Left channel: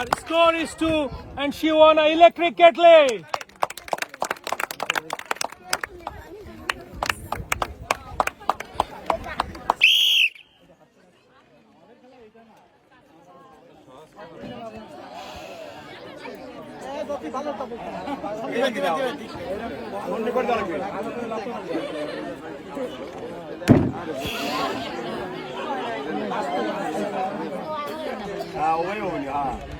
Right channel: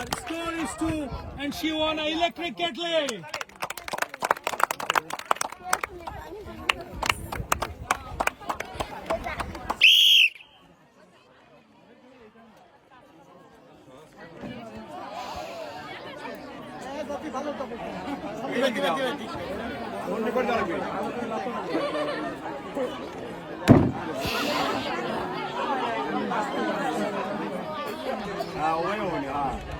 Her score is two, and she won an electric kettle. Ah, ah.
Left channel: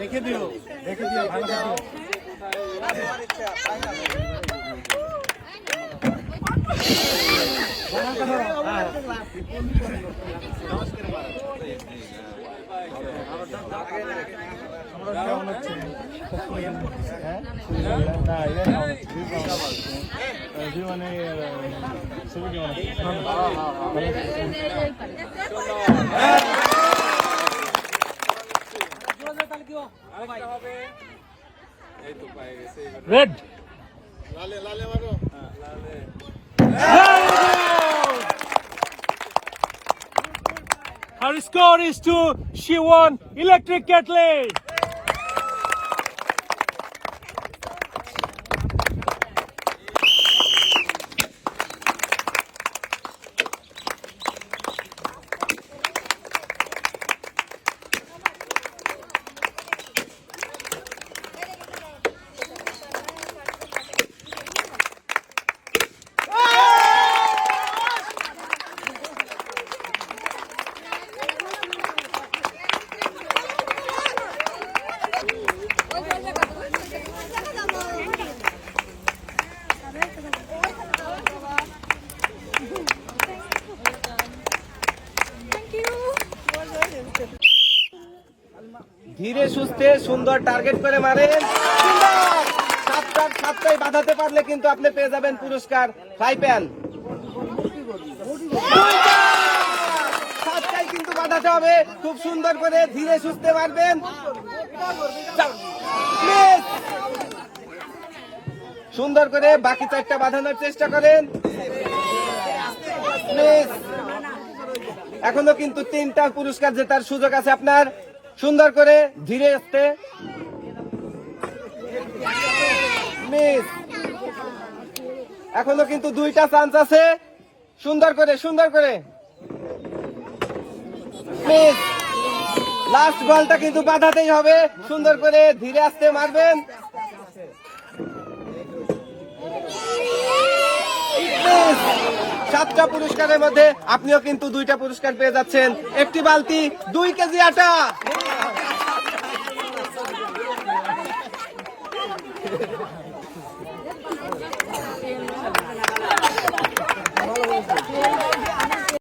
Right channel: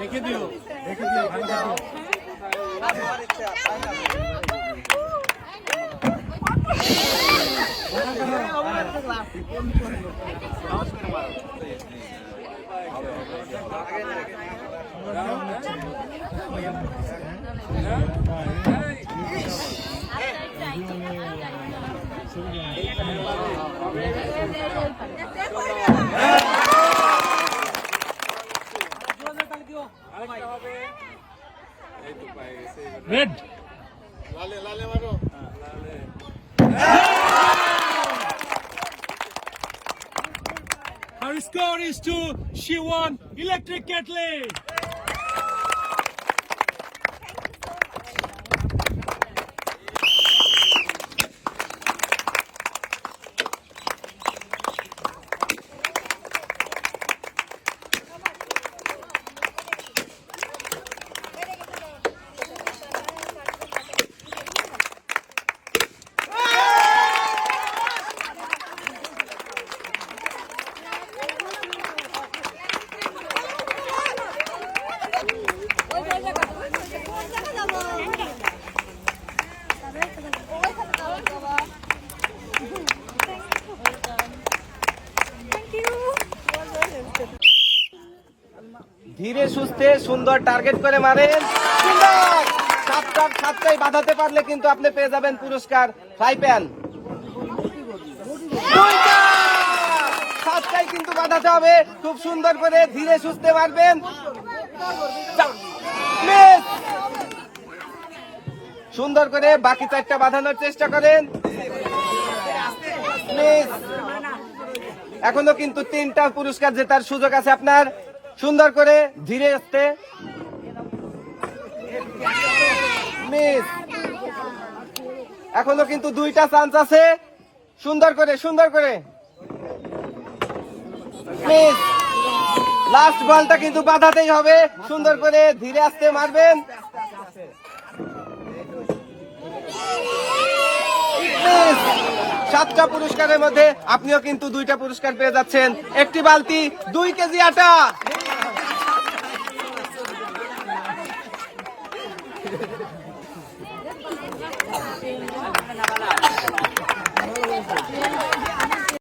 দেখে দিও দেখে দিও ভালো রেড লালে লালে মারো Her score is two. She won electric kettle. ধীরে সুস্থে সুন্দর টার্গেট করে মারেন। সাতটার সাতটাই বাঁধাতে পারলে কিন্তু আপনি পেয়ে যাবেন পুরস্কার ফ্রাই প্যান! সাতটাই কিন্তু বাঁধাতে হবে, খুব সুন্দর করে ধীরে সুস্থে মারবেন। সুন্দর করে বাকি চারটা বাঁধানোর চেষ্টা করেন! এখনও কিন্তু তিনটা পুরস্কার জেতার সুযোগ আছে আপনার। সুন্দর করে ধীরে আসতে। মিস। এখনও কিন্তু দুইটা চান্স আছে। সুন্দর করে সুন্দর করে। মিস। লাস্ট বলটা কিন্তু বাধাতেই হবে। সুন্দর করে ধীরে আসতে মারবেন। সাতটা পুরস্কারের মধ্যে আপনিও কিন্তু দুইটা পুরস্কার পেয়ে যাচ্ছেন। একটি বালতি দুই কেজি আটা।